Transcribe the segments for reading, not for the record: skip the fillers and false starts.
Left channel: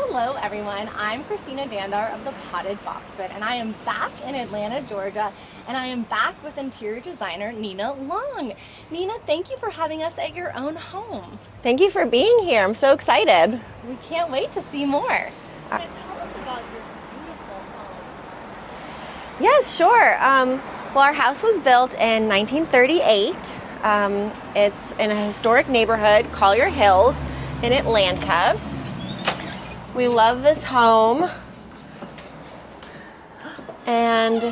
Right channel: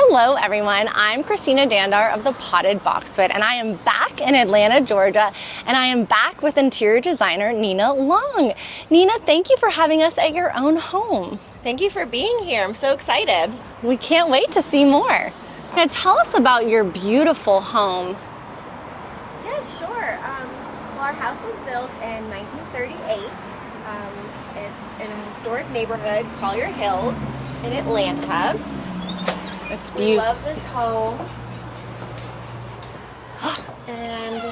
Hello everyone, I'm Christina Dandar of the Potted Boxwood, and I am back in Atlanta, Georgia, and I am back with interior designer Nina Long. Nina, thank you for having us at your own home. Thank you for being here. I'm so excited. We can't wait to see more. Now tell us about your beautiful home. Yes, sure. Well, our house was built in 1938. It's in a historic neighborhood, Collier Hills, in Atlanta. We love this home, and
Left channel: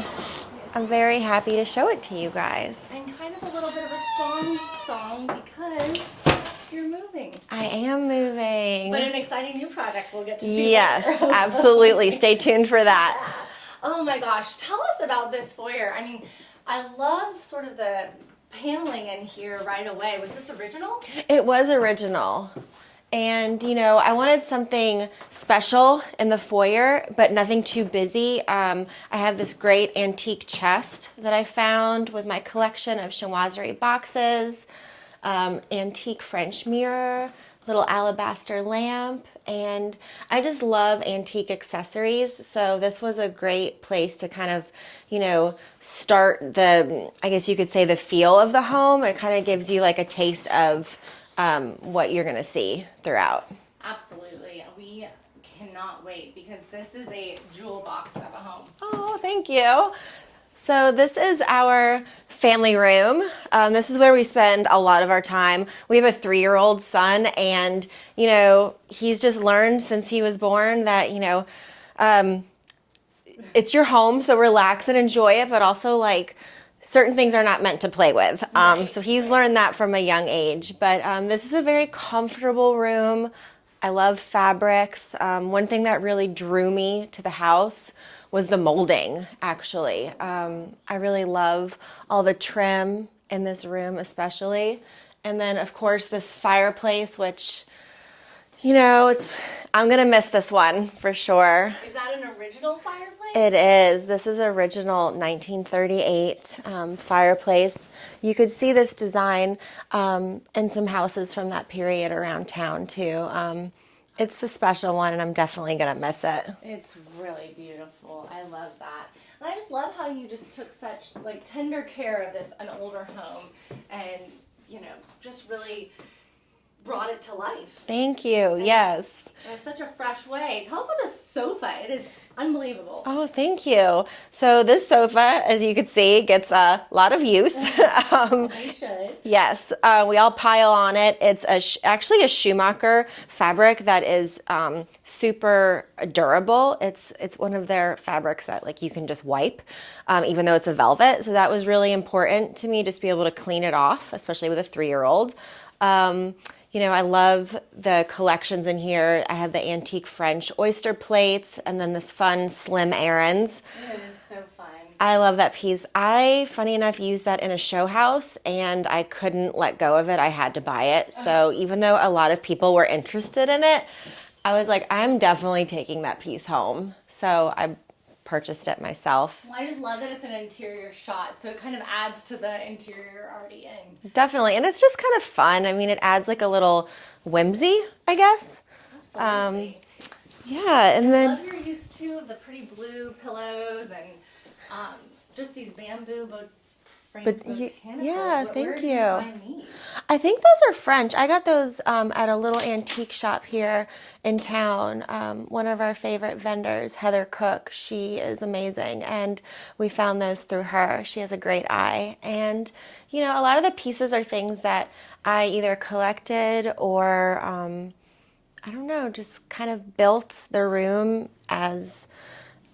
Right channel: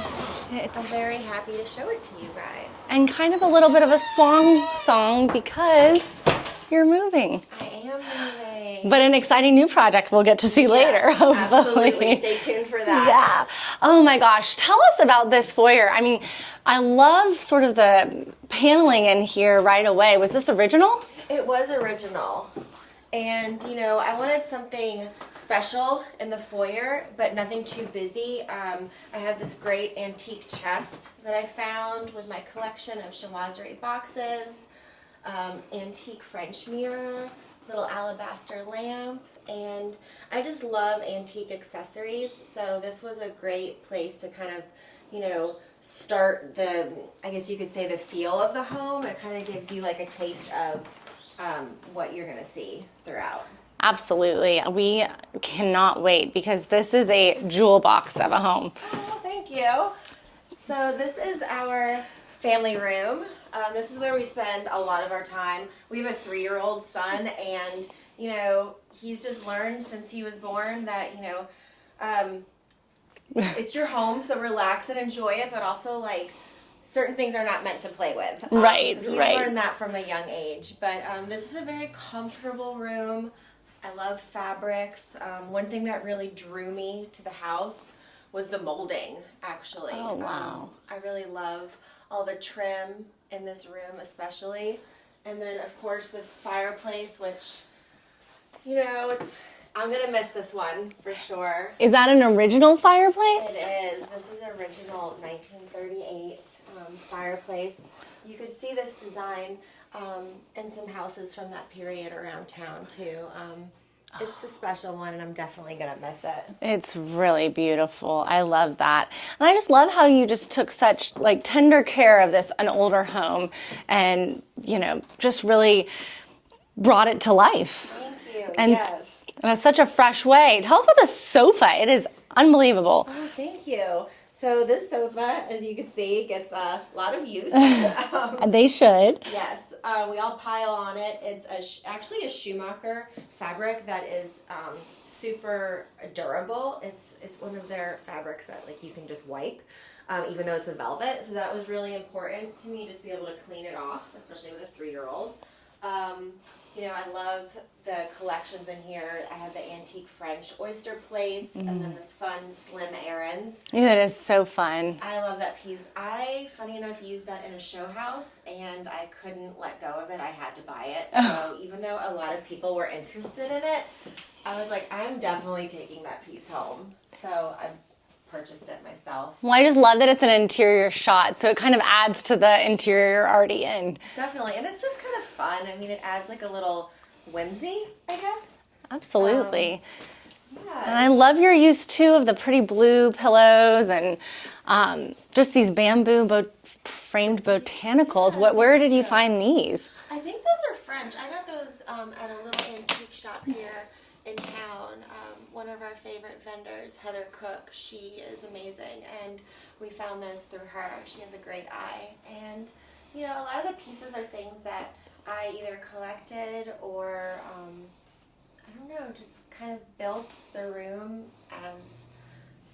I'm very happy to show it to you guys. And kind of a little bit of a swan song because you're moving. I am moving. But an exciting new project we'll get to see later. Absolutely. Stay tuned for that. Yeah. Oh my gosh. Tell us about this foyer. I mean, I love sort of the paneling in here right away. Was this original? It was original. And, you know, I wanted something special in the foyer, but nothing too busy. I have this great antique chest that I found with my collection of chinoiserie boxes, antique French mirror, little alabaster lamp, and I just love antique accessories. So this was a great place to kind of, you know, start the, I guess you could say, the feel of the home. It kind of gives you like a taste of what you're gonna see throughout. Absolutely. We cannot wait because this is a jewel box of a home. Oh, thank you. So this is our family room. This is where we spend a lot of our time. We have a 3-year-old son, and you know, he's just learned since he was born that, you know, it's your home, so relax and enjoy it, but also like certain things are not meant to play with. So he's learned that from a young age. But this is a very comfortable room. I love fabrics. One thing that really drew me to the house was the molding, actually. Oh, wow. I really love all the trim in this room, especially. And then, of course, this fireplace, which, you know, I'm gonna miss this one for sure. Is that an original fireplace? It is. This is original 1938 fireplace. You could see this design in some houses from that period around town too. It's a special one, and I'm definitely gonna miss it. It's really beautiful. I love that. And I just love how you just took such like tender care of an older home, and, you know, just really brought it to life. Thank you. And yes. in such a fresh way. Tell us about the sofa. It is unbelievable. Oh, thank you. So this sofa, as you can see, gets a lot of use. They should. Yes, we all pile on it. It's actually a Schumacher fabric that is super durable. It's one of their fabrics that like you can just wipe, even though it's a velvet. So that was really important to me, just to be able to clean it off, especially with a 3-year-old. You know, I love the collections in here. I have the antique French oyster plates, and then this fun slim errands. That is so fun. I love that piece. I, funny enough, used that in a show house, and I couldn't let go of it. I had to buy it. So even though a lot of people were interested in it, I was like, I'm definitely taking that piece home. So I purchased it myself. Well, I just love that it's an interior shot, so it kind of adds to the interior you're already in. Definitely, and it's just kind of fun. I mean, it adds like a little whimsy, I guess. Absolutely. Yeah. And I love your use, too, of the pretty blue pillows and just these bamboo framed botanicals. Yeah, Where did you you. find these? I think those are French. I got those at a little antique shop here in town. One of our favorite vendors, Heather Cook, she is amazing, and we found those through her. She has a great eye, and you know, a lot of the pieces are things that I either collected or I don't know, just kind of built the room as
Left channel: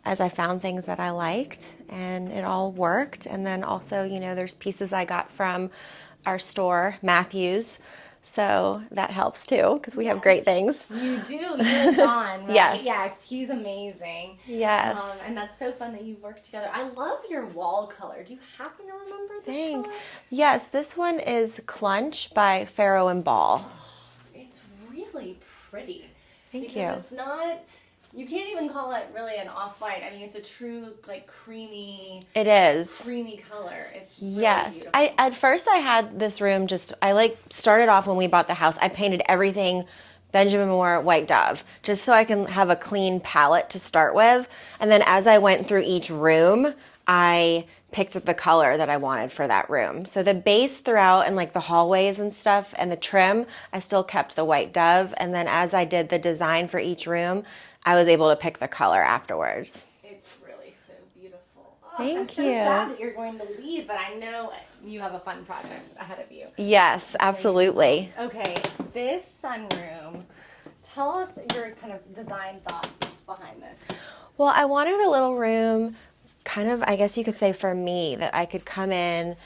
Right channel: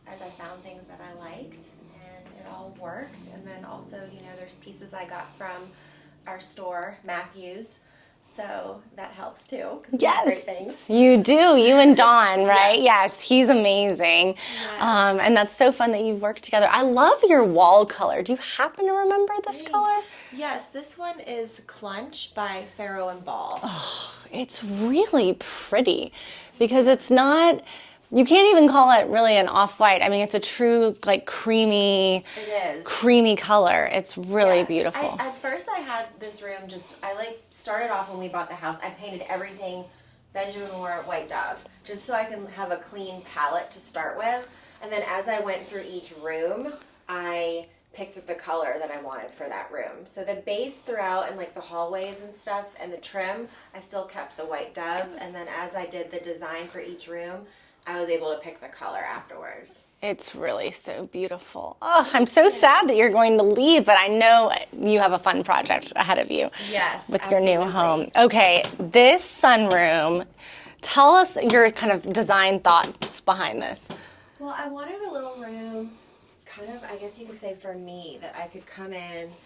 I found things that I liked, and it all worked. And then also, you know, there's pieces I got from our store, Matthews. So that helps too, because we have great things. You do, you and Don, right? Yes. Yes, he's amazing. Yes. And that's so fun that you've worked together. I love your wall color. Do you happen to remember this color? Yes, this one is Clunch by Farrow and Ball. Oh, it's really pretty because you. it's not, you can't even call it really an off-white. I mean, it's a true like creamy. It is. Creamy color. It's really beautiful. At first I had this room I like started off when we bought the house. I painted everything Benjamin Moore White Dove, just so I can have a clean palette to start with. And then as I went through each room, I picked the color that I wanted for that room. So the base throughout and like the hallways and stuff and the trim, I still kept the White Dove. And then as I did the design for each room, I was able to pick the color afterwards. It's really so beautiful. Oh, I'm so sad that you're going to leave, but I know you have a fun project ahead of you. Yes, with your new home. absolutely. Okay, this sunroom, tell us your kind of design thoughts behind this. Well, I wanted a little room, kind of, I guess you could say for me, that I could come in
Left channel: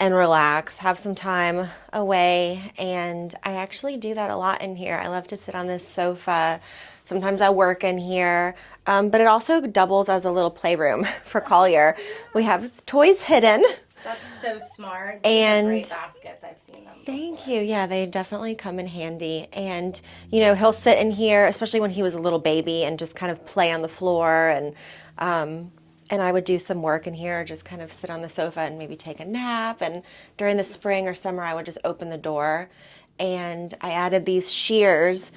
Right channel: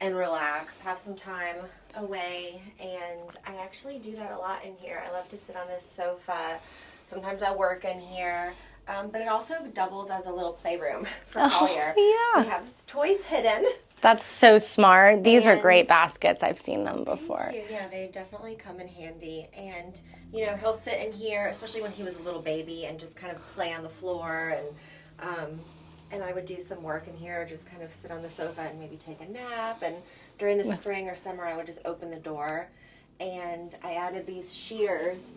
and relax, have some time away, and I actually do that a lot in here. I love to sit on this sofa. Sometimes I work in here, but it also doubles as a little playroom for Collier. Yeah. We have toys hidden. That's so smart. These are And- great baskets. I've seen them before. Thank you. Yeah, they definitely come in handy. And, you know, he'll sit in here, especially when he was a little baby, and just kind of play on the floor. And I would do some work in here, just kind of sit on the sofa and maybe take a nap. And during the spring or summer, I would just open the door. And I added these shears.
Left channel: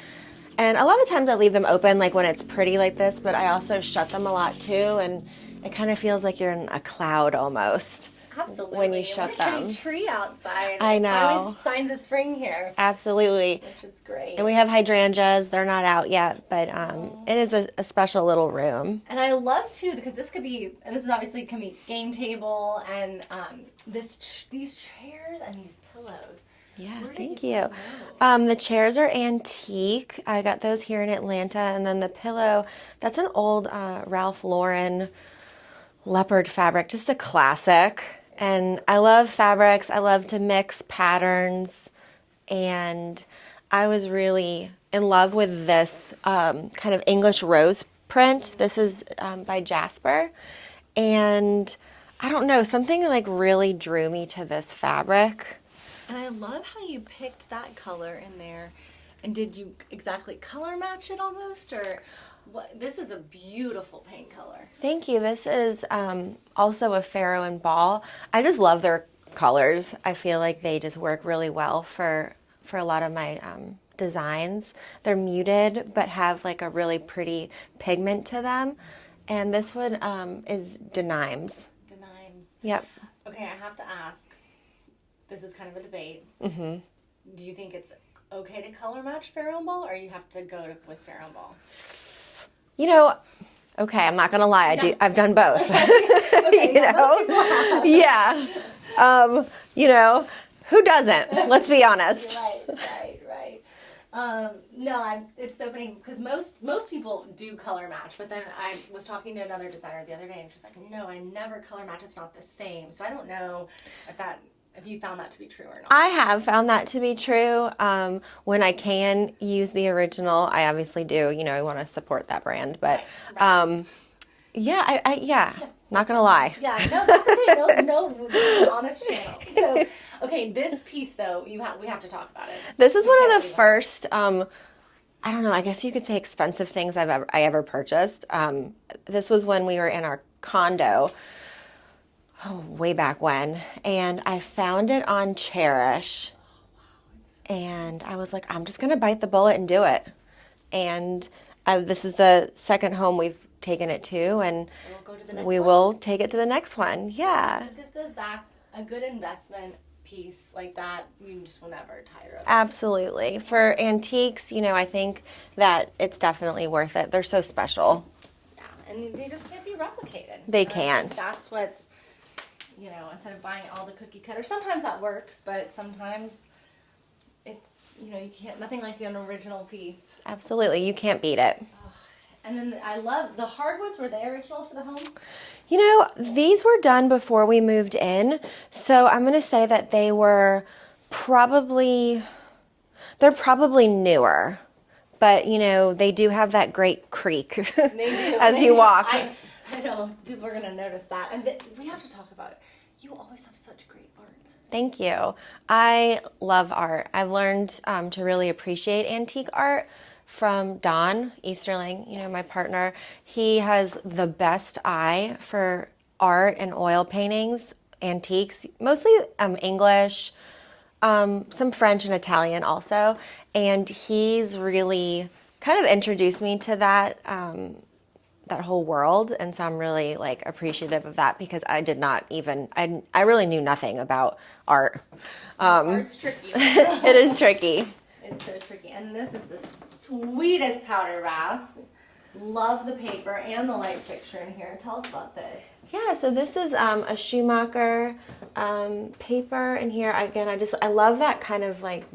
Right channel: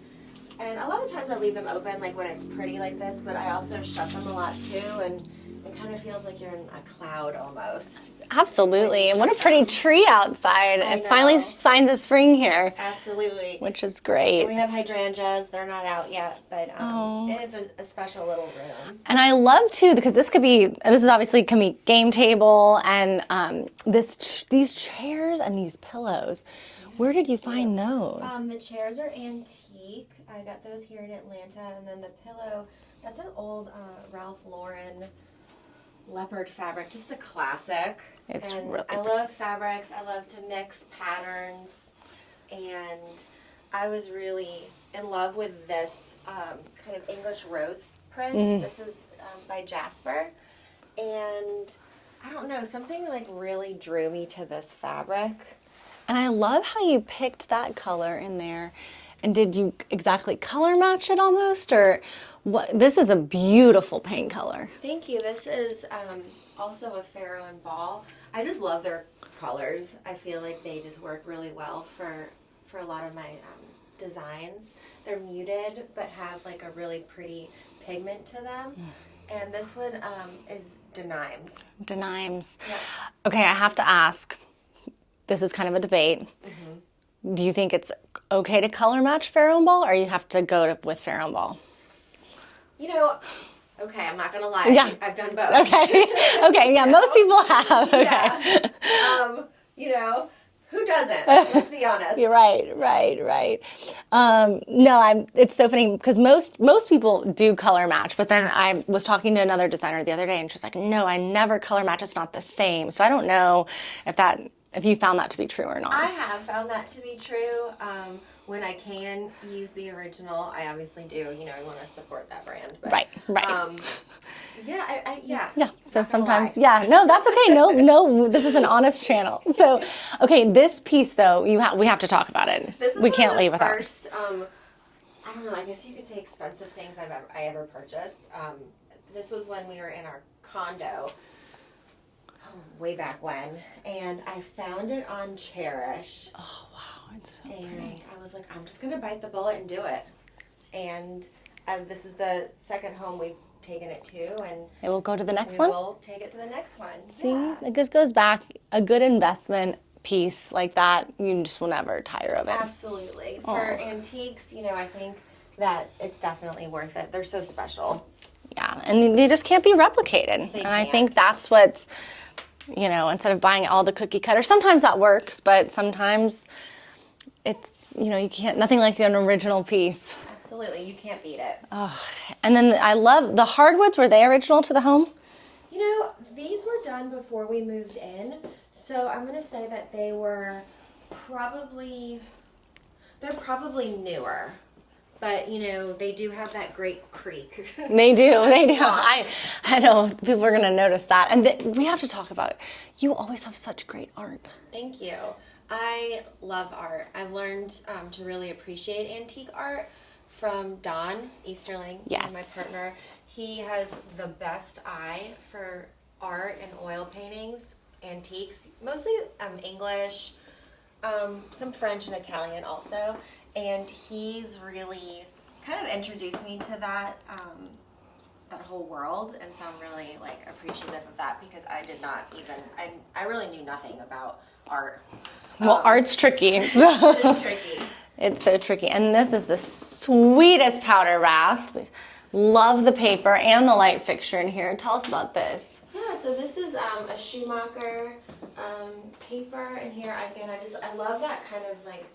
And a lot of times I leave them open, like when it's pretty like this, but I also shut them a lot too. And it kind of feels like you're in a cloud almost. Absolutely. And what a shut pretty them. tree outside. I It's finally know. signs of spring here, Absolutely. which is great. And we have hydrangeas. They're not out yet, but it is a special little room. And I love too, because this is obviously can be game table and these chairs and these pillows. Where did you find those? The chairs are antique. I got those here in Atlanta. And then the pillow, that's an old Ralph Lauren leopard fabric, just a classic. And really I love fabrics. I love to mix patterns. And I was really in love with this kind of English rose print. This is by Jasper. And I don't know, something like really drew me to this fabric. And I love how you picked that color in there. And did you exactly color match it almost, or what? This is a beautiful paint color. Thank you. This is also a Pharaoh and Ball. I just love their colors. I feel like they just work really well for a lot of my designs. They're muted, but have like a really pretty pigment to them. And this one is Denimes. Denimes. Yep. Okay, I have to ask. This is kind of a debate. Do you think it's okay to color match Pharaoh and Ball, or you have to go with Pharaoh and Ball? You know, okay, I'm not gonna lie. Yeah. I've done both. Okay, yeah, most people have. Yeah. You know, who doesn't? Let's be honest. You're right. No, it's so funny because most people do color match, but then I was talking to another designer the other day, and she's like, "No, I never color match. It's not the same." So I don't know if you found that to be true or not. I have found that to be true. When I can use the original, I obviously do. You know, I want to support that brand, but Right. yeah. So Not gonna lie. Yeah, no, that's okay. No, this is an honest channel. So, okay, this piece though, we have to talk about it. This is we one can't of leave the without. first. I don't know. I guess you could say expensive things I ever purchased. This was when we were in our condo. Oh, way back when, and I found it on Cherish. Oh wow, it's so And I was like, I'm just going to bite the bullet and do it. And this is the second home we've taken it to, and it will go to the next we one. will take it to the next one. Yeah. It just goes back. A good investment piece like that, you just will never tire of it. Absolutely. For antiques, you know, I think that it's definitely worth it. They're so special. Yeah, and they just can't be replicated. They and I think can't. that's what's, you know, instead of buying all the cookie cutter, sometimes that works, but sometimes it's, you know, you can't, nothing like an original piece. Absolutely. You can't beat it. And then I love the hardwoods. Were they original to the home? You know, these were done before we moved in, so I'm going to say that they're probably newer. But, you know, they do have that great creak. They do. As They you do. walk. I know people are going to notice that. And we have to talk about, you always have such great art. Thank you. I love art. I've learned to really appreciate antique art from Don Easterling, Yes. my partner. He has the best eye for art and oil paintings, antiques, mostly English, some French and Italian also, and he's really kind of introduced me to that whole world, and so I'm really like appreciative of that because I did not even I really knew nothing about art. Well, art's tricky. It is tricky. It's so tricky. And this is the sweetest powder bath. We love the paper and the light fixture in here. Tell us about this. Yeah, so this is a Schumacher paper in here. Again, I love that kind of like,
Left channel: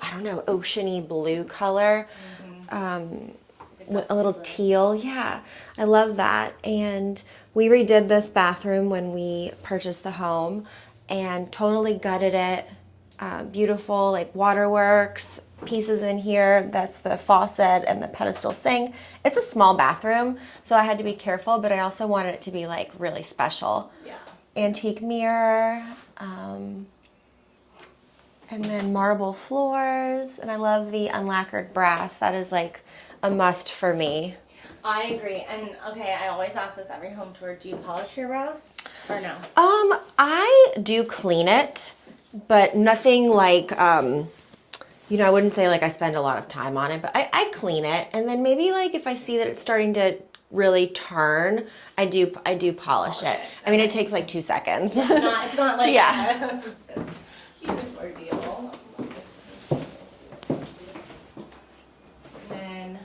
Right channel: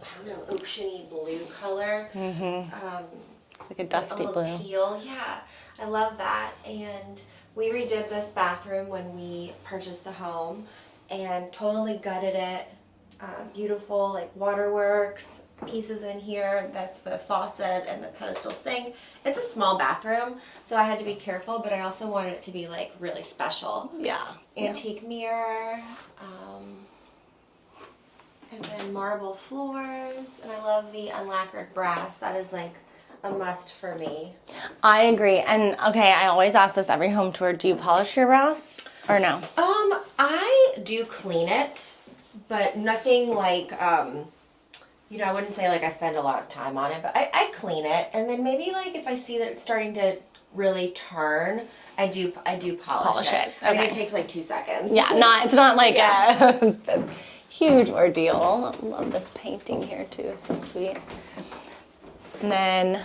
I don't know, oceany blue color. Like a dusty little blue. teal. Yeah, I love that. And we redid this bathroom when we purchased the home and totally gutted it. Beautiful like waterworks pieces in here. That's the faucet and the pedestal sink. It's a small bathroom, so I had to be careful, but I also wanted it to be like really special. Yeah. Antique mirror, and then marble floors, and I love the unlacquered brass. That is like a must for me. I agree. And okay, I always ask this every home tour. Do you polish your brass or no? I do clean it, but nothing like, I wouldn't say like I spend a lot of time on it, but I clean it. And then maybe like if I see that it's starting to really turn, I do polish it. it. I mean, Okay. it takes like 2 seconds. Yeah, it's not like Yeah. a huge ordeal. I love this painting here too, so sweet. And then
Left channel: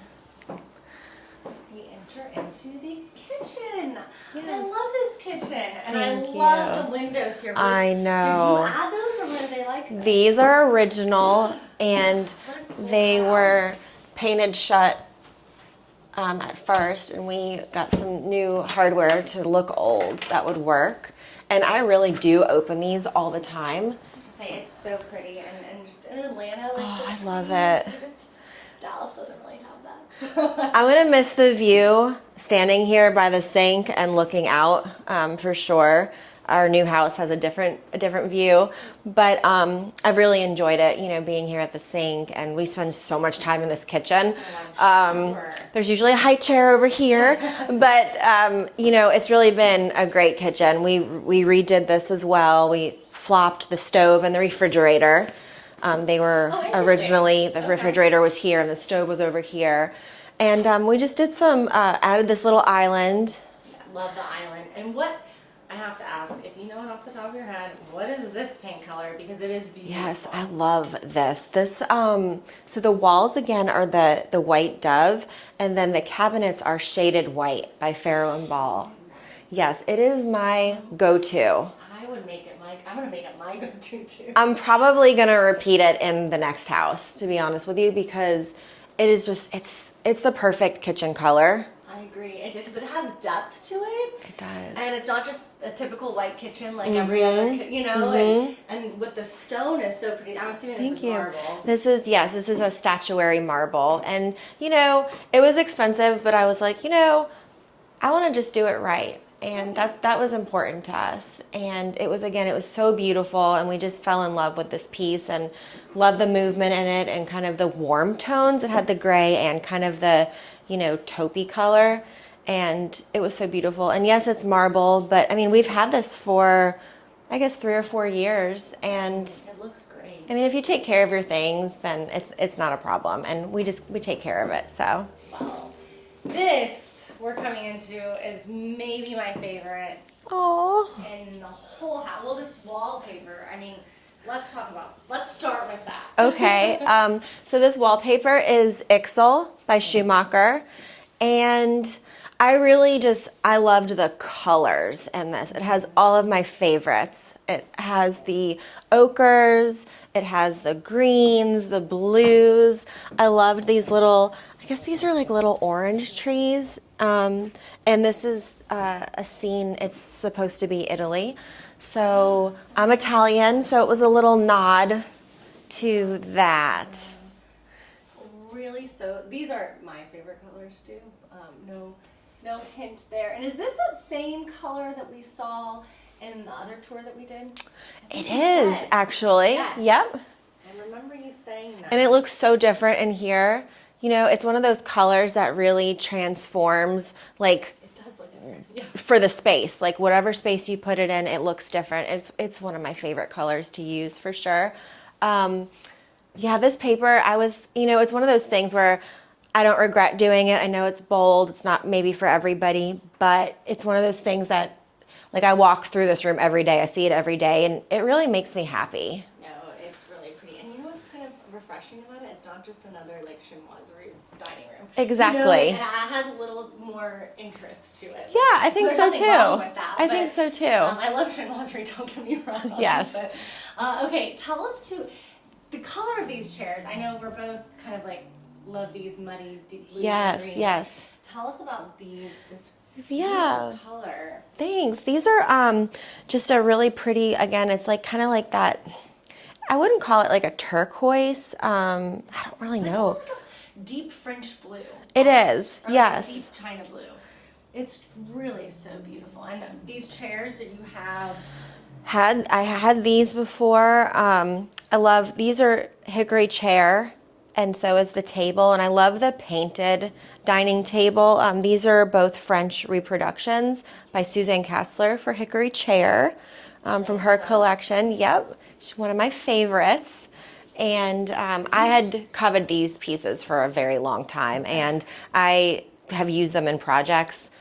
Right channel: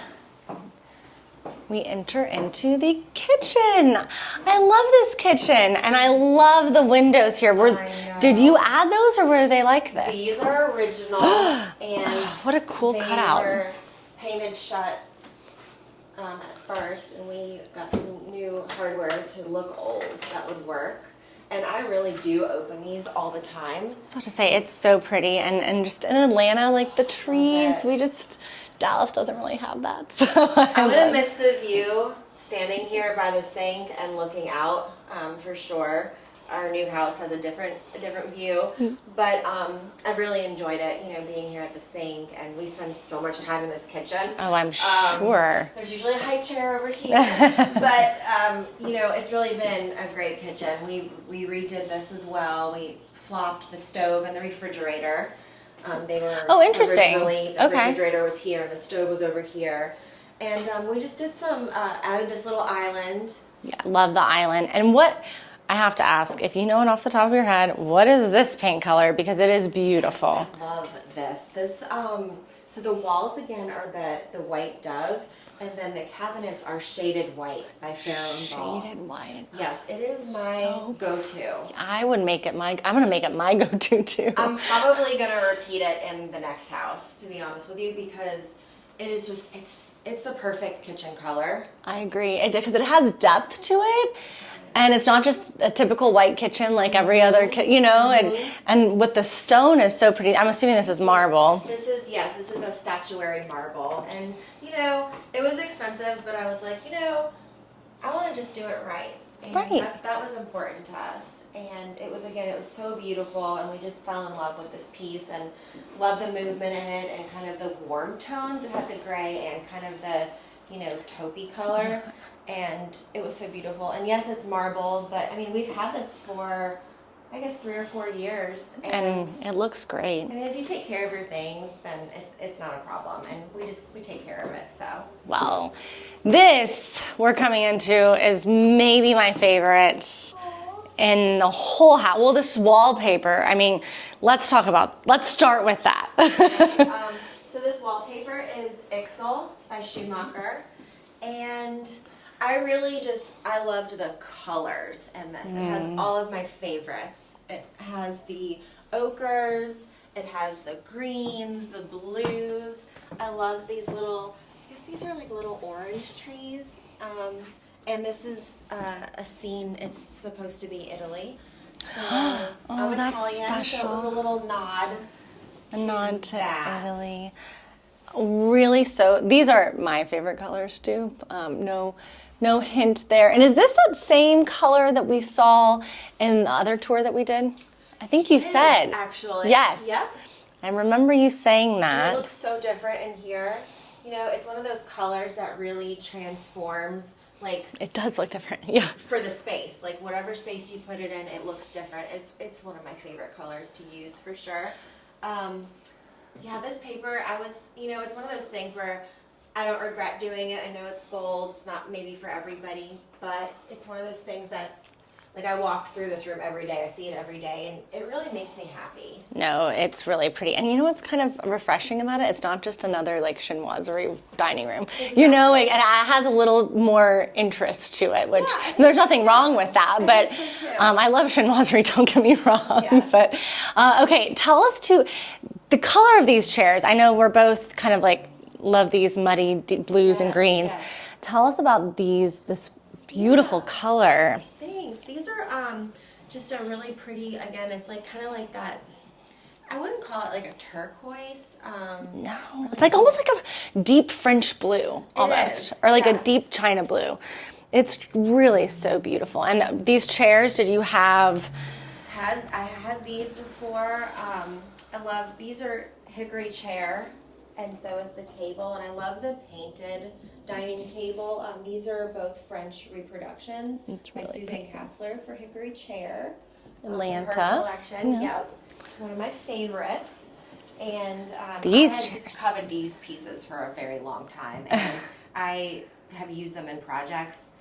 we enter into the kitchen. I love this kitchen, and I love the windows here. I know. Did you add those, or were they like this? These are original, and What a cool they cutout. were painted shut at first, and we got some new hardware to look old that would work. And I really do open these all the time. I was about to say, it's so pretty, and just in Atlanta, like the I love trees, it. Dallas doesn't really have that. So I'm gonna miss the view standing here by the sink and looking out, for sure. Our new house has a different view, but I've really enjoyed it, being here at the sink, and we spend so much time in this kitchen. Oh, I'm sure. There's usually a high chair over here, but it's really been a great kitchen. We redid this as well. We flopped the stove and the refrigerator. They were interesting. originally, the Okay. refrigerator was here and the stove was over here. And we just did added this little island. Yeah, love the island. And what, I have to ask, if you know it off the top of your head, what is this paint color? Because it is beautiful. Yes, I love this. So the walls again are the white dove, and then the cabinets are shaded white by Farrow and Ball. Shaded white. Yes, it is my go-to. I'm gonna make it my go-to too. I'm probably gonna repeat it in the next house, to be honest with you, because it is just it's the perfect kitchen color. I agree, because it has depth to it, does. and it's not just a typical white kitchen like every other, and with the stone is so pretty. I'm assuming this is marble. This is a statuary marble, and it was expensive, but I was like, I want to just do it right, and Right. that was important to us. And it was so beautiful, and we just fell in love with this piece and loved the movement in it and kind of the warm tones. It had the gray and kind of the taupey color, and it was so beautiful. And yes, it's marble, but I mean, we've had this for I guess 3 or 4 years, and it looks great. I mean, if you take care of your things, then it's not a problem, and we take care of it. So Well, this we're coming into is maybe my favorite in the whole house. Well, this wallpaper, I mean, let's start with that. okay, so this wallpaper is Ixel by Schumacher, and I loved the colors in this. It has all of my favorites. It has the ochres, it has the greens, the blues. I loved these I guess these are like little orange trees. And this is a scene, it's supposed to be Italy. So I'm that's Italian, so it was a little nod to that. Italy. Really, so these are my favorite colors too. No hint there. And is this that same color that we saw in the other tour that we did? I think you It is, said. actually. Yes. Yep. I remember you saying that. And it looks so different in here. It's one of those colors that really transforms, like, It does look different. Yeah. for the space. Like, whatever space you put it in, it looks different. It's one of my favorite colors to use for sure. Yeah, this paper, it's one of those things where I don't regret doing it. I know it's bold. It's not maybe for everybody, but it's one of those things that, like, I walk through this room every day. I see it every day, and it really makes me happy. No, it's really pretty. And you know what's kind of refreshing about it? It's not just another, like, chinoiserie dining room. Exactly. You know, like, it has a little more interest to it, which I think there's so nothing too. wrong with that. I but think so too. I love chinoiserie, don't get me wrong. Yes. But, okay, tell us the color of these chairs. I know we're both kind of like, love these muddy blues and greens. Yes. Tell us about this beautiful color. Thanks. These are just a really pretty, again, it's like kind of like that, I wouldn't call it like a turquoise. I don't really It's like know. almost like a deep French blue. It almost, is, or like yes. a deep China blue. It's really so beautiful. And these chairs, did you have? I had these before. These are hickory chair, and so is the table, and I love the painted dining table. These are both French reproductions by Suzanne Kassler for hickory chair from her Atlanta. collection. Yeah. Yep, she's one of my favorites. And I These had chairs. coveted these pieces for a very long time, and I have used them in projects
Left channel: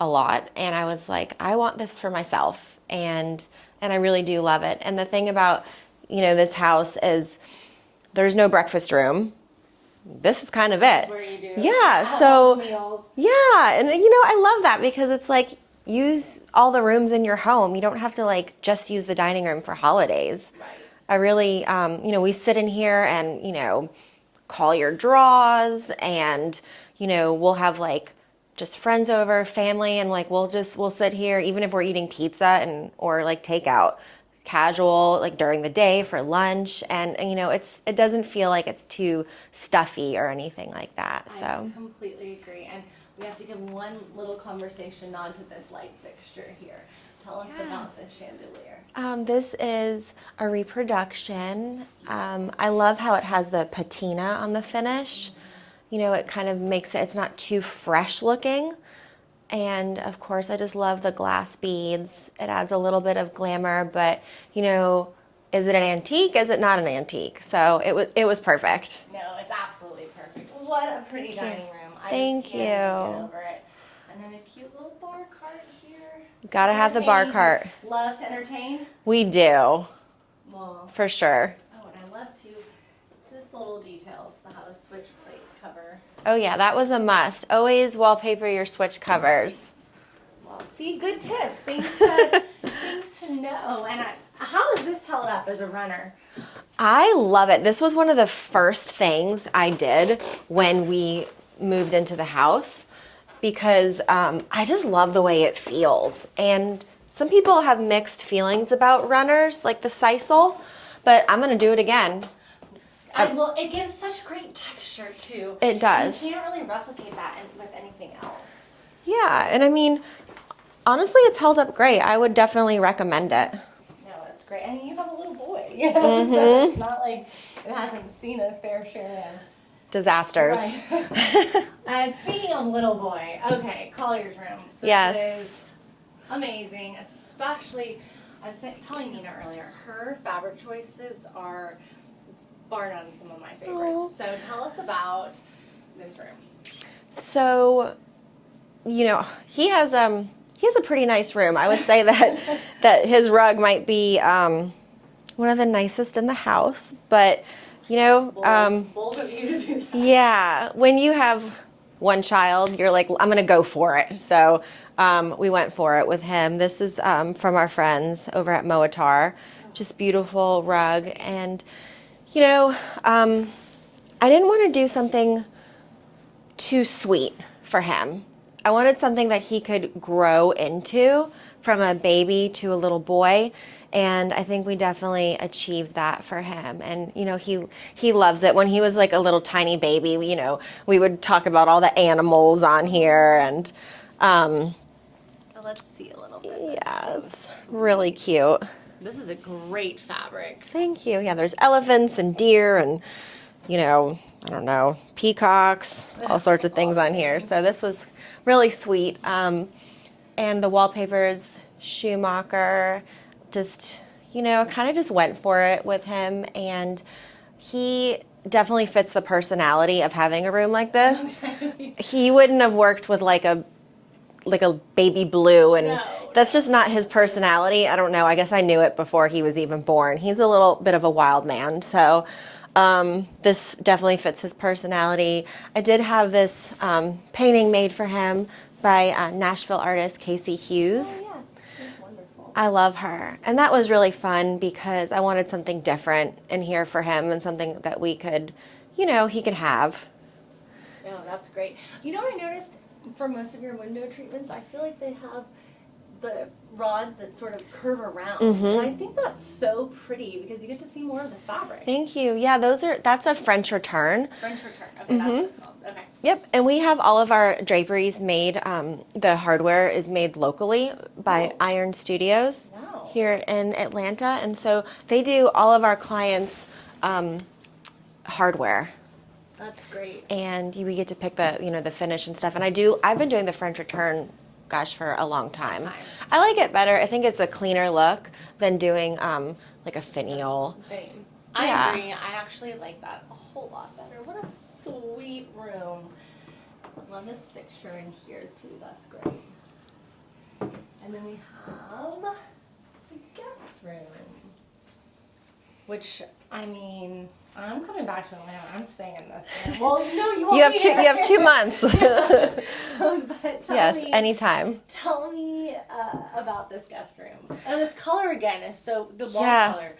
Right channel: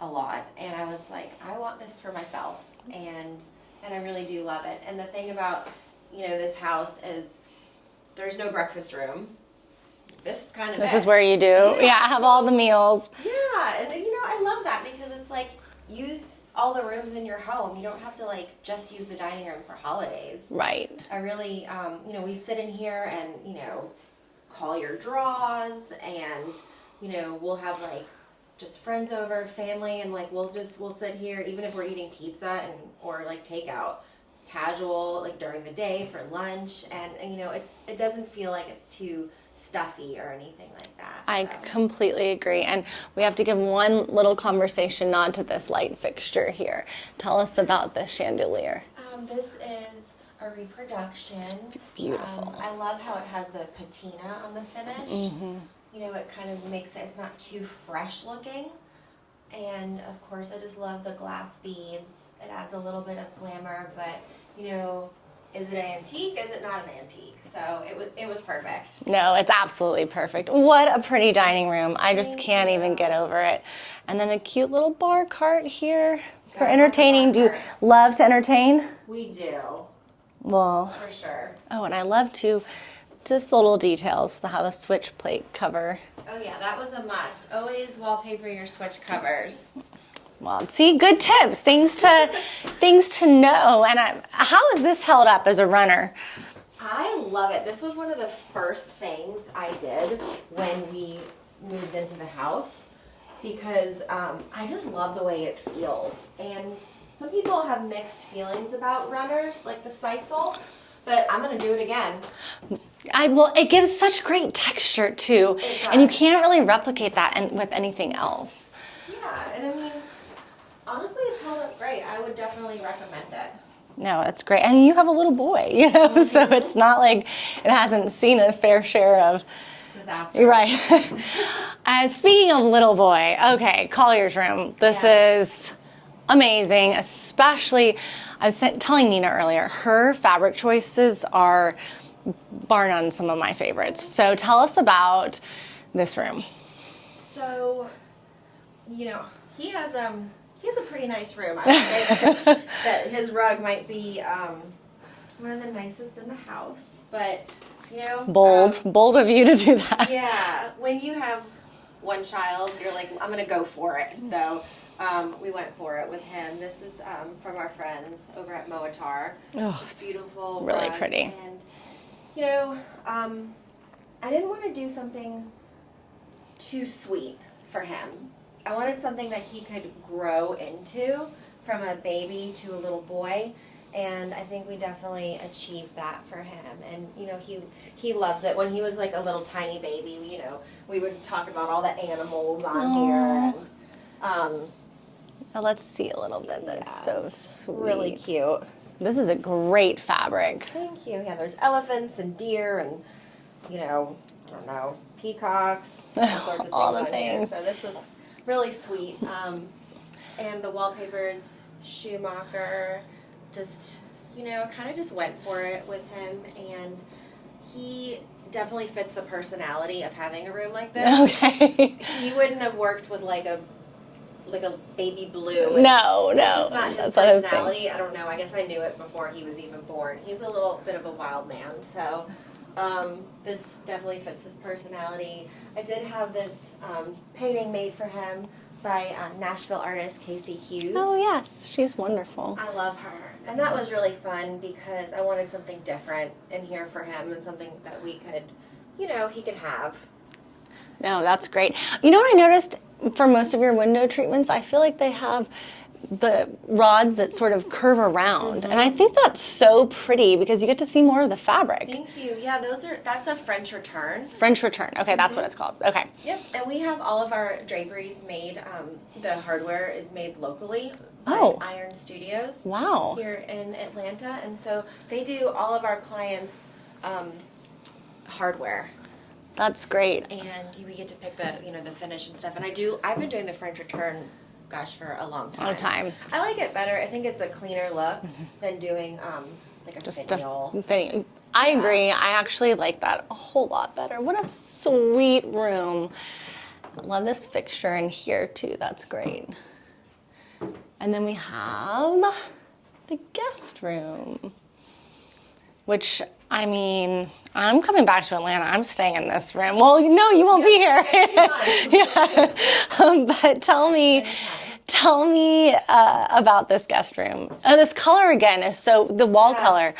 a lot. And I was like, I want this for myself, and I really do love it. And the thing about this house is there's no breakfast room. This is kind of This is where you do. Have all the meals. Yeah, and I love that because it's like use all the rooms in your home. You don't have to like just use the dining room for holidays. Right. I really, we sit in here and call your draws, and we'll have like just friends over, family, and like we'll sit here even if we're eating pizza or like takeout. Casual, like during the day for lunch, and it doesn't feel like it's too stuffy or anything like that. I completely agree. And we have to give one little conversation nod to this light fixture here. Tell us about this chandelier. This is a reproduction. Beautiful. I love how it has the patina on the finish. It kind of makes it's not too fresh looking. And of course, I just love the glass beads. It adds a little bit of glamour, but is it an antique? Is it not an antique? So it was perfect. No, it's absolutely perfect. What a pretty dining room. I just Thank can't even you. get over it. And then a cute little bar cart here. Gotta For have the bar entertaining. Do you cart. love to entertain? We do, Well, for sure. oh, and I love to, just the little details, how the switch plate cover. Oh yeah, that was a must. Always wallpaper your switch covers. Well, see, good tips, things to know. And how is this held up as a runner? I love it. This was one of the first things I did when we moved into the house because I just love the way it feels. And some people have mixed feelings about runners, like the sisal, but I'm going to do it again. Well, it gives such great texture too. It does. And you can't really replicate that with anything else. Yeah, and I mean, honestly, it's held up great. I would definitely recommend it. No, that's great. And you have a little boy, so it's not like it hasn't seen a fair share of Disasters. Right. And speaking of little boy, okay, Collier's room. This Yes. is amazing, especially, I was telling Nina earlier, her fabric choices are bar none some of my favorites. So tell us about this room. So, he has a pretty nice room. I would say that that his rug might be one of the nicest in the house. But Bold of you to do that. yeah, when you have one child, you're like, I'm gonna go for it. So we went for it with him. This is from our friends over at Moatar. Just beautiful really rug. pretty. And I didn't want to do something too sweet for him. I wanted something that he could grow into from a baby to a little boy. And I think we definitely achieved that for him. And, he loves it. When he was like a little tiny baby, we would talk about all the animals on here. And Now let's see a little bit. yeah, That's it's so really sweet. cute. This is a great fabric. Thank you. Yeah, there's elephants and deer and, I don't know, peacocks, all sorts of All things the on here. things. So this was really sweet. And the wallpaper's Schumacher, just, you know, kind of just went for it with him, and he definitely fits the personality of having a room like this. Okay. He wouldn't have worked with like a baby blue, and that's just not his personality. I don't know. I guess I knew it before he was even born. He's a little bit of a wild man, so this definitely fits his personality. I did have this painting made for him by Nashville artist Casey Hughes. Oh yes, she's wonderful. I love her. And that was really fun because I wanted something different in here for him, and something that we could, you know, he could have. No, that's great. You know what I noticed for most of your window treatments? I feel like they have the rods that sort of curve around. And I think that's so pretty because you get to see more of the fabric. Thank you. Yeah, that's a French return. French return. Okay, that's what it's called. Okay. Yep, and we have all of our draperies made, the hardware is made locally by Iron Studios. Wow. Here in Atlanta, and so they do all of our clients' hardware. That's great. And we get to pick the finish and stuff. And I've been doing the French return, gosh, for a long time. I like it better. I think it's a cleaner look than doing like a finial. I agree. I actually like that a whole lot better. What a sweet room. I love this fixture in here too. That's great. And then we have the guest room, which, I mean, I'm coming back to Atlanta. I'm staying in this room. Well, no, you won't be here. You have 2 months. But tell me, anytime. Tell me about this guest room. This color again is the wall color.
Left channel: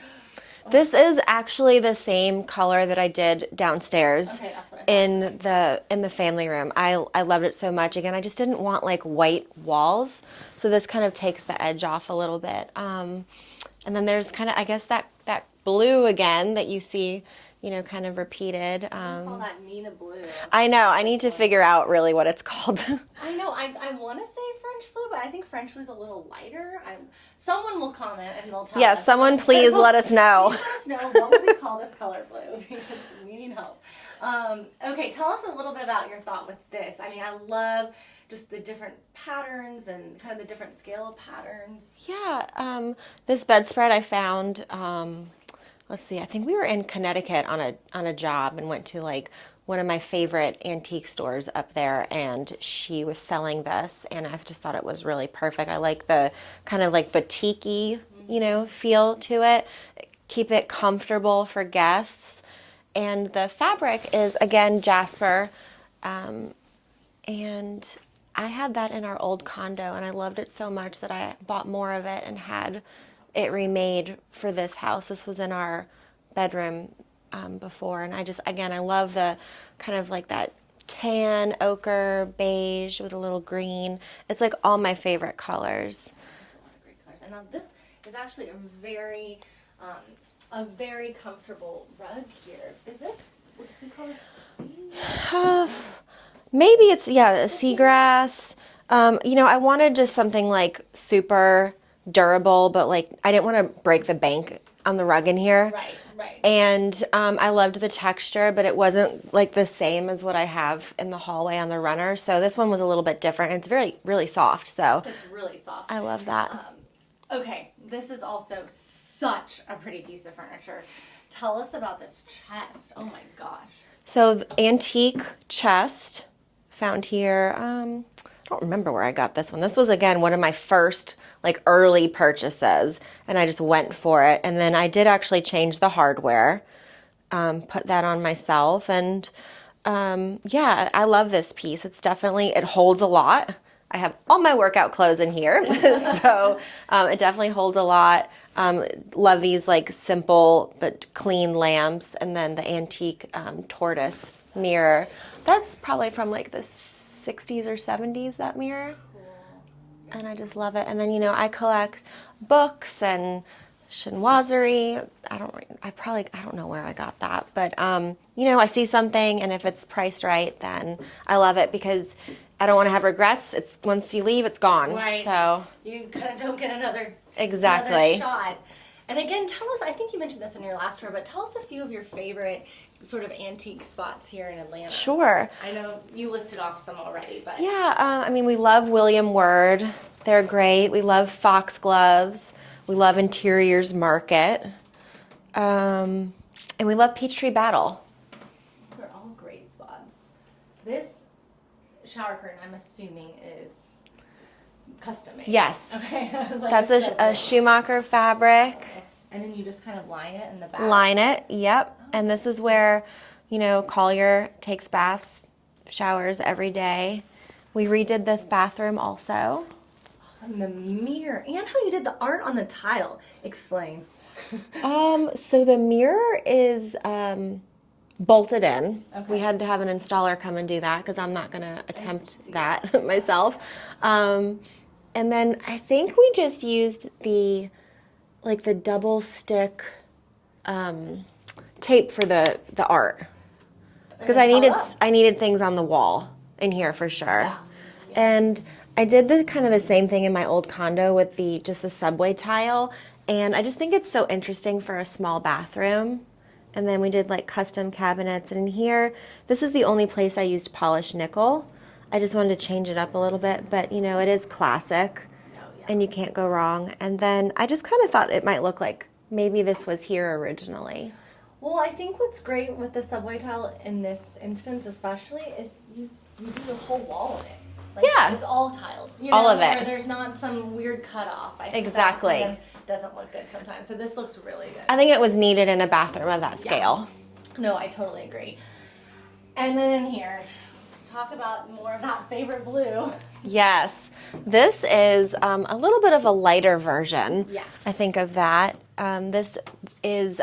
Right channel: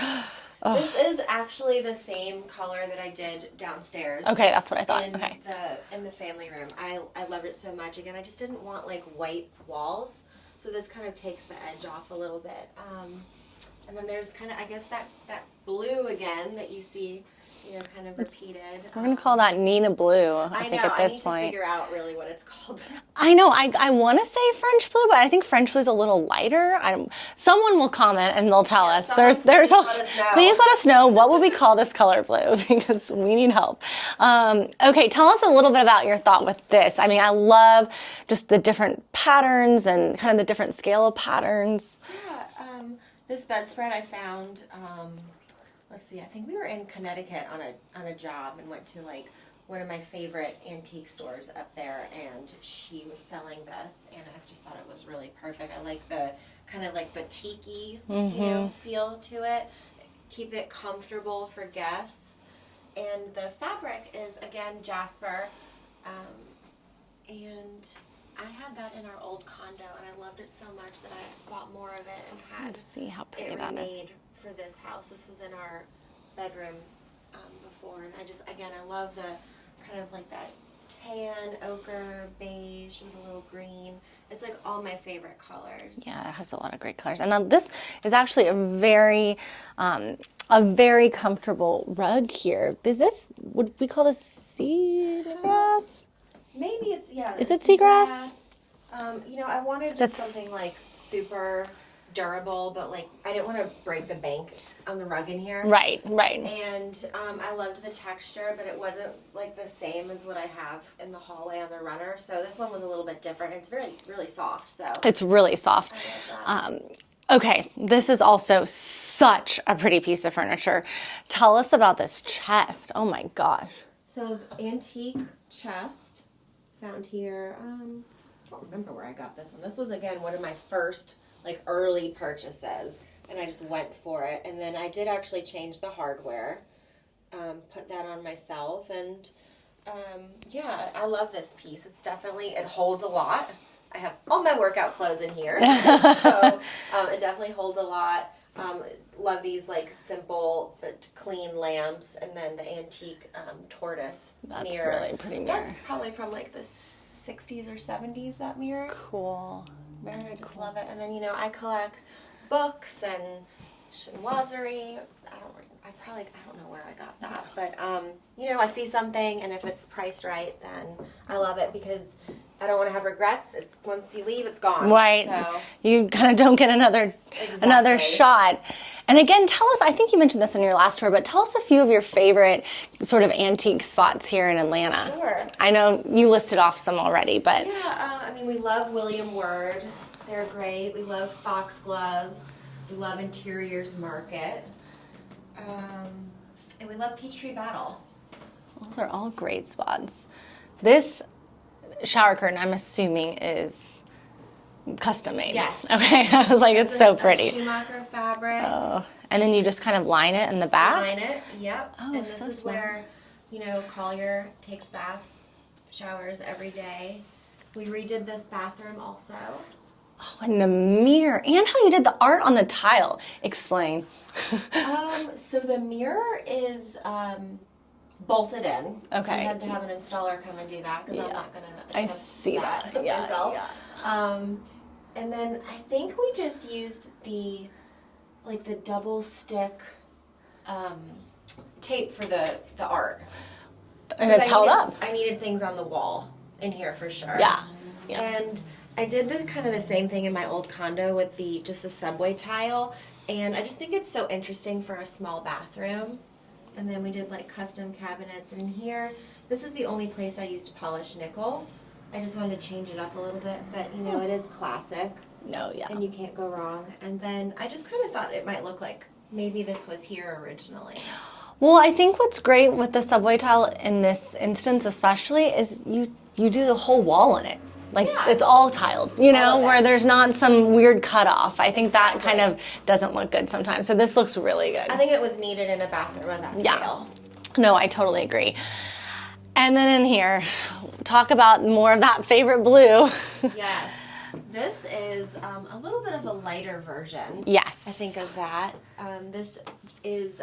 This is actually the same color that I did downstairs. Okay, that's what I thought. In the family room. I loved it so much. Again, I just didn't want like white walls, so this kind of takes the edge off a little bit. And then there's kind of, I guess, that blue again that you see, kind of repeated. I'm going to call that Nina Blue. I know. I need to figure out really what it's called. I know. I want to say French blue, but I think French blue is a little lighter. Someone will comment and they'll tell us. Yeah, someone please let us know. Please let us know, what would we call this color blue, because we need help. Okay, tell us a little bit about your thought with this. I mean, I love just the different patterns and kind of the different scale of patterns. Yeah, this bedspread I found, let's see, I think we were in Connecticut on a job and went to like one of my favorite antique stores up there, and she was selling this, and I just thought it was really perfect. I like the kind of like boutique-y, feel to it. Keep it comfortable for guests. And the fabric is, again, jasper, and I had that in our old condo, and I loved it so much that I bought more of it and had it remade for this house. This was in our bedroom before, and I love the kind of like that tan, ochre, beige with a little green. It's like all my favorite colors. Yeah, it has a lot of great colors. And now this is actually a very comfortable rug here. Would we call this seagrass? Maybe it's, seagrass. I wanted just something like super durable, but like I didn't want to break the bank on the rug in here. Right. And I loved the texture, but it wasn't like the same as what I have in the hallway on the runner. So this one was a little bit different. It's really soft. So it's really soft. I love that. Okay, this is also such a pretty piece of furniture. Tell us about this chest. Oh my gosh. So the antique chest. Found here, I don't remember where I got this one. This was, again, one of my first like early purchases, and I just went for it. And then I did actually change the hardware, put that on myself, and I love this piece. It holds a lot. I have all my workout clothes in here, so it definitely holds a lot. Love these like simple but clean lamps, and then the antique tortoise mirror. Really pretty mirror. That's probably from like the 60s or 70s, that mirror. Cool. And I just love it. And then, I collect books and chinoiserie. I don't know where I got that, but I see something, and if it's priced right, then I love it because I don't want to have regrets. It's once you leave, it's gone. Right. So you kind of don't get another shot. And again, tell us, I think you mentioned this in your last tour, but tell us a few of your favorite sort of antique spots here in Atlanta. Sure. I know you listed off some already, but. Yeah, we love William Word. They're great. We love foxgloves. We love Interiors Market. And we love Peachtree Battle. Those are all great spots. This shower curtain, I'm assuming, is custom made. Yes. Okay. I was like, That's it's so pretty. a Schumacher fabric. Oh. And then you just kind of line it in the back. Line it, yep. Oh, and this so is smart. where, you know, Collier takes baths, showers every day. We redid this bathroom also. Oh, and the mirror, and how you did the art on the tile. Explain. So the mirror is bolted in. Okay. We had to have an installer come and do that because I'm not going to attempt see that, that. Yeah, myself. And then I think we just used the double stick tape for the art. And Because it's held up. I needed things on the wall in here for sure. Yeah. And I did the same thing in my old condo with just the subway tile. And I just think it's so interesting for a small bathroom. And then we did like custom cabinets. And in here, this is the only place I used polished nickel. I just wanted to change it up a little bit, but you know, it is classic. No, yeah. And you can't go wrong. And then I just kind of thought it might look like maybe this was here originally. Well, I think what's great with the subway tile in this instance especially is you do the whole wall in it. Like, Yeah. it's all tiled, you All know, of it. where there's not some weird cutoff. I think that Exactly. kind of doesn't look good sometimes. So this looks really good. I think it was needed in a bathroom of that Yeah. scale. No, I totally agree. And then in here, talk about more of that favorite blue. Yes. This is a little bit of a lighter version. Yes. I think of that. This is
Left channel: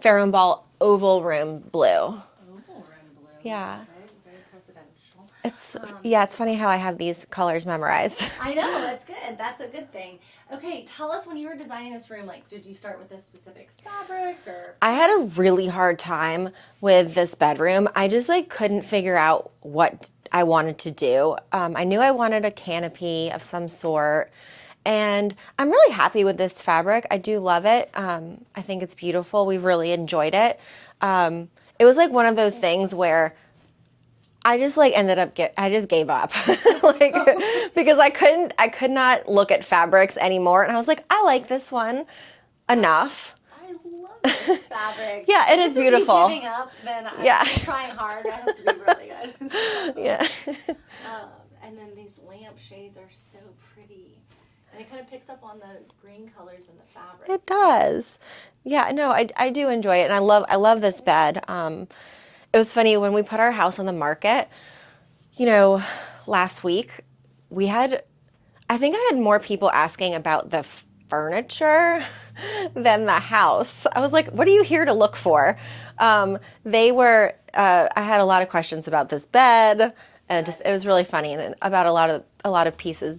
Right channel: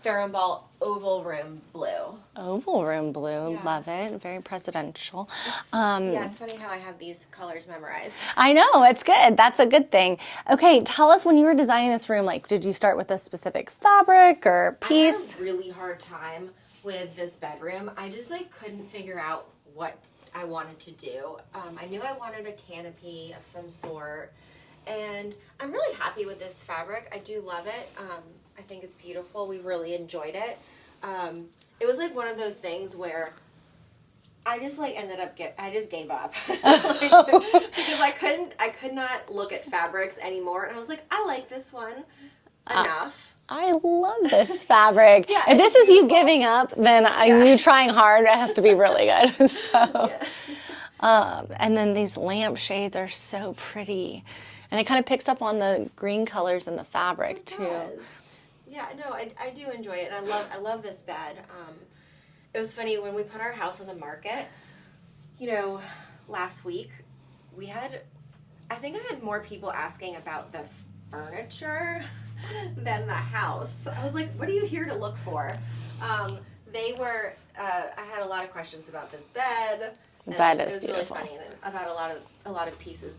Farrow and Ball Oval Room Blue. Oval room blue. Yeah. Love it. Very presidential. Yeah, it's funny how I have these colors memorized. I know, it's good. That's a good thing. Okay, tell us, when you were designing this room, like, did you start with a specific fabric or piece? I had a really hard time with this bedroom. I just couldn't figure out what I wanted to do. I knew I wanted a canopy of some sort, and I'm really happy with this fabric. I do love it. I think it's beautiful. We've really enjoyed it. It was like one of those things where I just I just gave up because I could not look at fabrics anymore, and I was like, I like this one enough. I love this fabric. Yeah, if it this is is you beautiful. giving up, then Yeah. you trying hard. It has to be really good. So, Yeah. and then these lampshades are so pretty, and it kind of picks up on the green colors in the fabric. It too. does. Yeah, no, I do enjoy it, and I love this bed. It was funny when we put our house on the market, you know, last week, I think I had more people asking about the furniture than the house. I was like, what are you here to look for? I had a lot of questions about this bed, and it was really funny, and about a lot of pieces.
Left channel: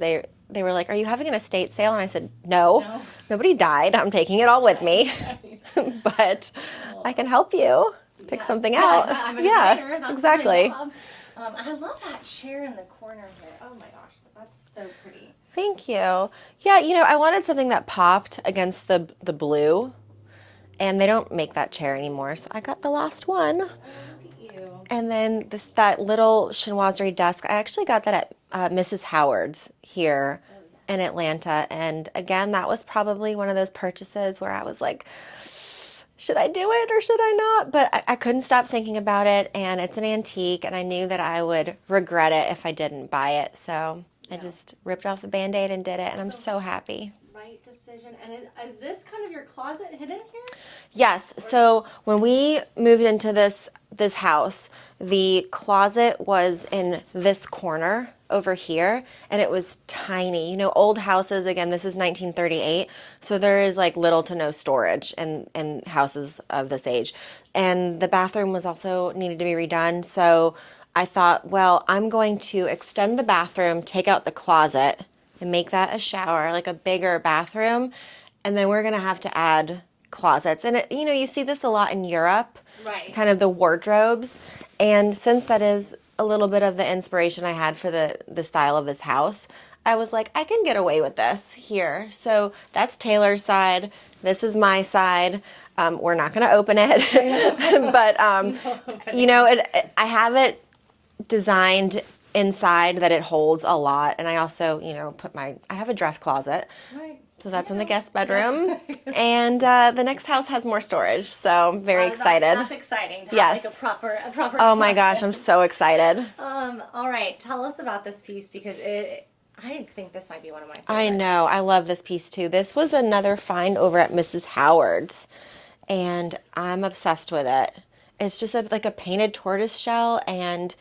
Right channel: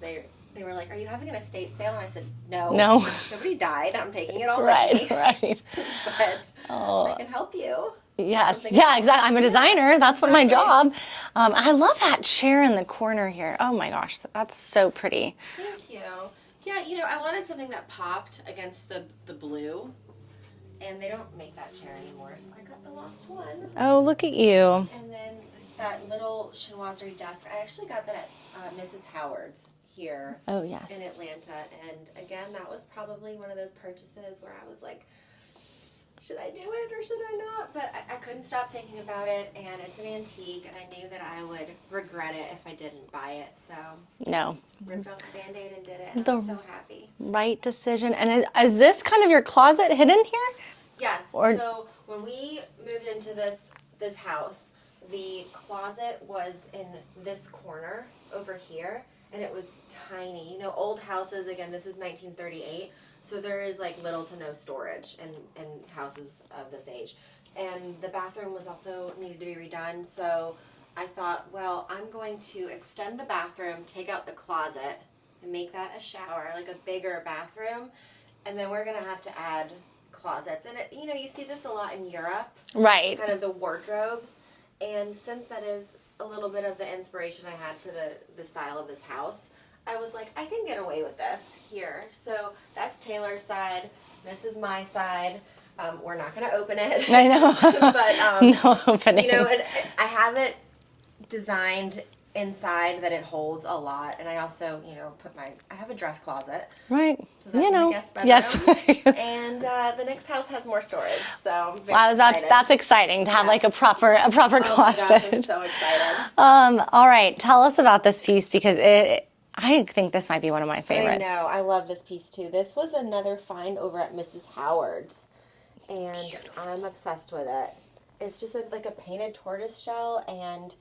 They were like, are you having an estate sale? And I said, no. Nobody died. I'm taking it all with me. Right. But I can help you. Yes. Something Yeah, out. exactly. I'm a Yeah, designer. That's what my exactly. job. I love that chair in the corner here. Oh my gosh, that's so pretty. Thank you. Yeah, you know, I wanted something that popped against the blue, and they don't make that chair anymore, so I got the last one. Oh, look at you. And then that little chinoiserie desk, I actually got that at Mrs. Howard's here Oh, yes. in Atlanta. And again, that was probably one of those purchases where I was like, should I do it or should I not? But I couldn't stop thinking about it, and it's an antique, and I knew that I would regret it if I didn't buy it. So I just ripped off the Band-Aid and did it, and I'm so happy. Right decision. And is this kind of your closet hidden here? Yes. So when we moved into this house, the closet was in this corner over here, and it was tiny. You know, old houses, again, this is 1938, so there is little to no storage in houses of this age. And the bathroom was also needed to be redone, so I thought, well, I'm going to extend the bathroom, take out the closet, and make that a shower, like a bigger bathroom, and then we're gonna have to add closets. And you see this a lot in Europe, Right. kind of the wardrobes. And since that is a little bit of the inspiration I had for the style of this house, I was like, I can get away with this here. So that's Taylor's side. This is my side. We're not going to open it. I know. But, No opening. I have it designed inside that it holds a lot. And I also, I have a dress closet. Right. So that's in the guest bedroom. Yes. And the next house has more storage. So I'm very excited. That's exciting to have like a proper closet. Oh my gosh, I'm so excited. All right. Tell us about this piece because I think this might be one of my favorites. I know. I love this piece too. This was another find over at Mrs. Howard's. And I'm obsessed with it. It's just like a painted tortoise shell, and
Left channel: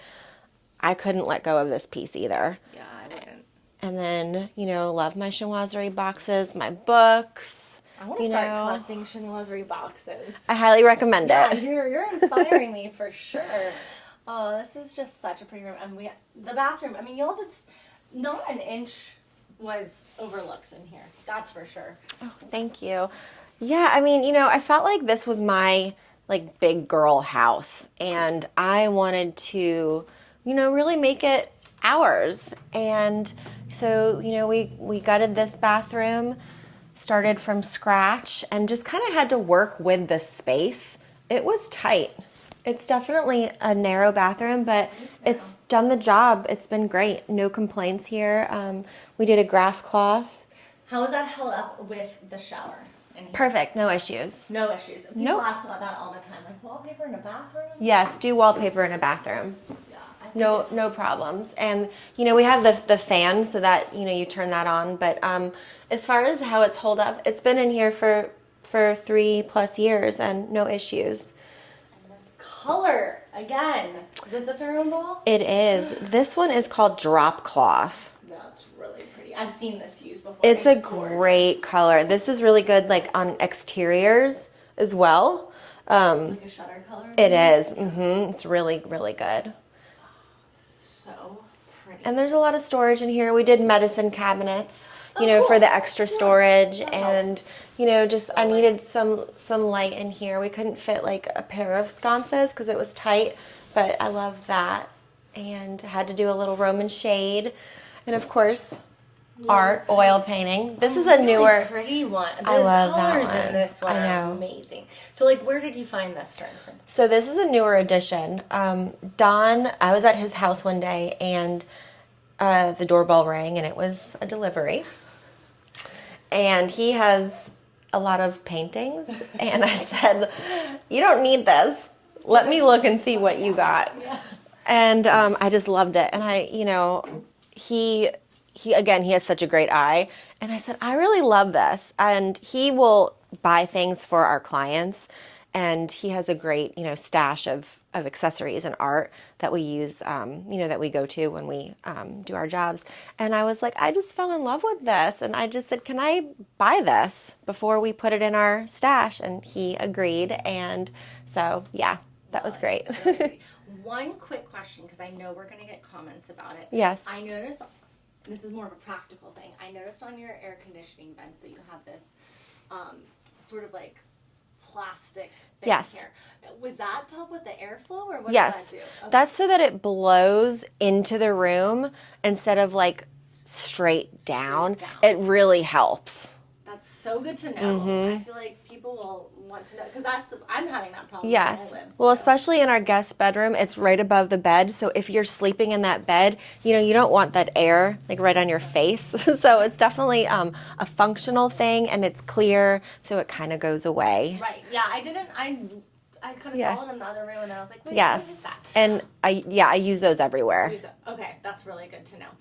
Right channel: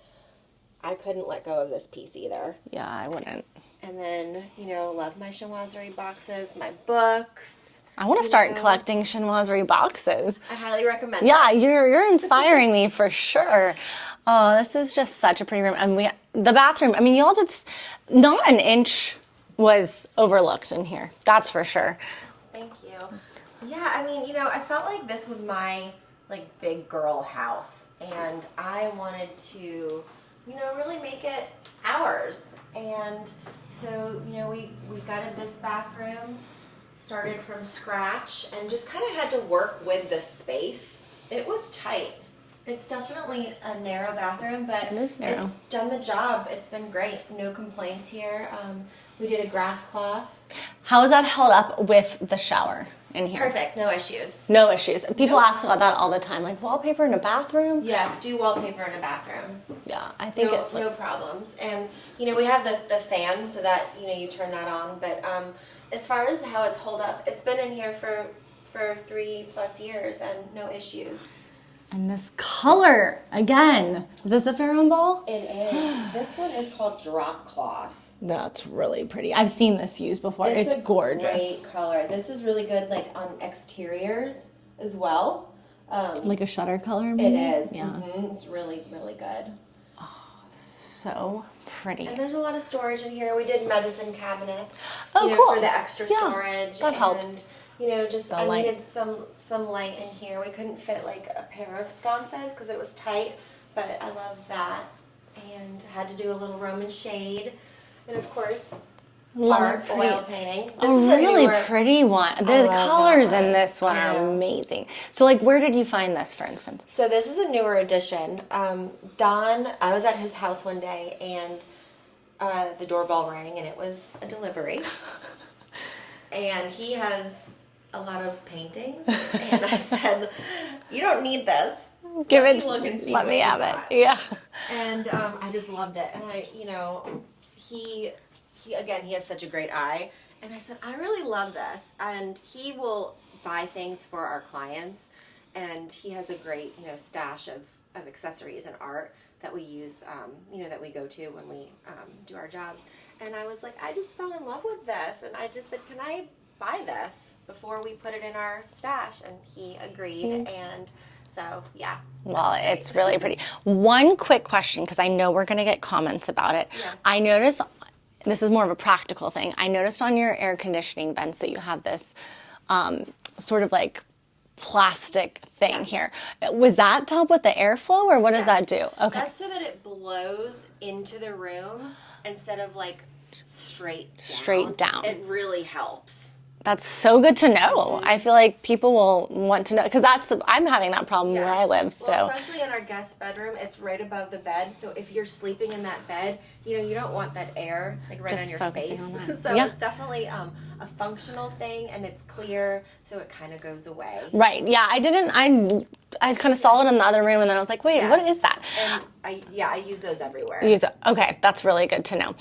I couldn't let go of this piece either. Yeah, I wouldn't. And then, love my chinoiserie boxes, my books. I want to start collecting chinoiserie boxes. I highly recommend it. Yeah, you're inspiring me for sure. Oh, this is just such a pretty room. And the bathroom, I mean, y'all just, not an inch was overlooked in here. That's for sure. Oh, thank you. Yeah, I mean, I felt like this was my big girl house, and I wanted to, really make it ours. And so, we gutted this bathroom, started from scratch, and just kind of had to work with the space. It was tight. It's definitely a narrow bathroom, but it's done the job. It's been great. No complaints here. We did a grass cloth. How is that held up with the shower in here? Perfect. No issues. No issues. People ask about that all the time, like wallpaper in a bathroom? Yes, do wallpaper in a bathroom. Yeah, I think no problems. And we have the fan so that you turn that on. But as far as how it's held up, it's been in here for 3+ years and no issues. And this color again, is this a Farron ball? It is. This one is called drop cloth. That's really pretty. I've seen this used before. It's a gorgeous. Great color. This is really good on exteriors as well. Like a shutter color maybe? It is. Yeah. Mm-hmm. It's really, really good. Oh, so pretty. And there's a lot of storage in here. We did medicine cabinets, cool. for the extra storage. That and helps. I needed some light in here. We couldn't fit a pair of sconces because it was tight, but I love that. And I had to do a little Roman shade. And of course, art, oil painting. This is a really newer, pretty one. The colors in this one are amazing. So where did you find this, for instance? So this is a newer edition. Don, I was at his house one day and the doorbell rang and it was a delivery. And he has a lot of paintings. And I said, you don't need this. Let me look and see what you got. Yeah. And I just loved it. And he has such a great eye. And I said, I really love this. And he will buy things for our clients. And he has a great, stash of accessories and art that we use, that we go to when we do our jobs. And I was like, I just fell in love with this. And I just said, can I buy this before we put it in our stash? And he agreed. Mm-hmm. And so, yeah. That was great. It's really pretty. One quick question, because I know we're going to get comments about it. Yes. I noticed, this is more of a practical thing, I noticed on your air conditioning vents that you have this sort of plastic thing here. Was that to help with the airflow, or what does that do? Okay. That's so that it blows into the room instead of straight down. Straight down. It really helps. That's so good to know. Mm-hmm. I feel like people will want to know, because I'm having that problem where I live. Well, especially in our guest bedroom, it's right above the bed. So if you're sleeping in that bed, you don't want that air right on your face. So it's definitely a functional thing, and it's clear, so it kind of goes away. Right. Yeah. I kind of saw it in the other room, and then I was like, wait, what is that? And I use those everywhere. Okay, that's really good to know.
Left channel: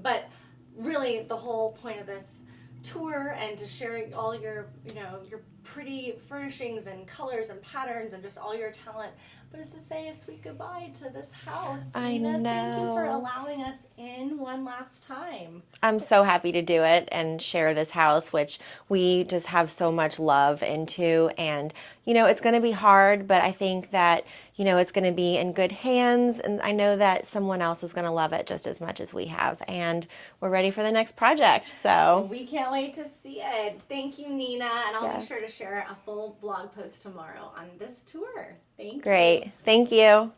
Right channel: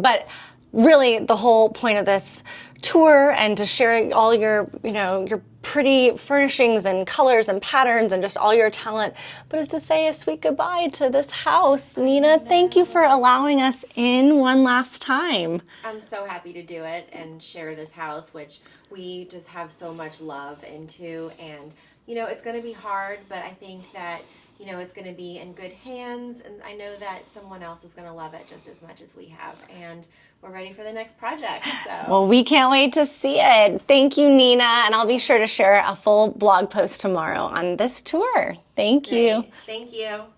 But really, the whole point of this tour and to share all your, your pretty furnishings and colors and patterns and just all your talent, but is to say a sweet goodbye to this house. Nina, thank you for allowing us in one last time. I'm so happy to do it and share this house, which we just have so much love into. And, it's going to be hard, but I think that, it's going to be in good hands, and I know that someone else is going to love it just as much as we have, and we're ready for the next project. So well, we can't wait to see it. Thank you, Nina, and I'll be sure to share a full blog post tomorrow on this tour. Thank you. Thank you.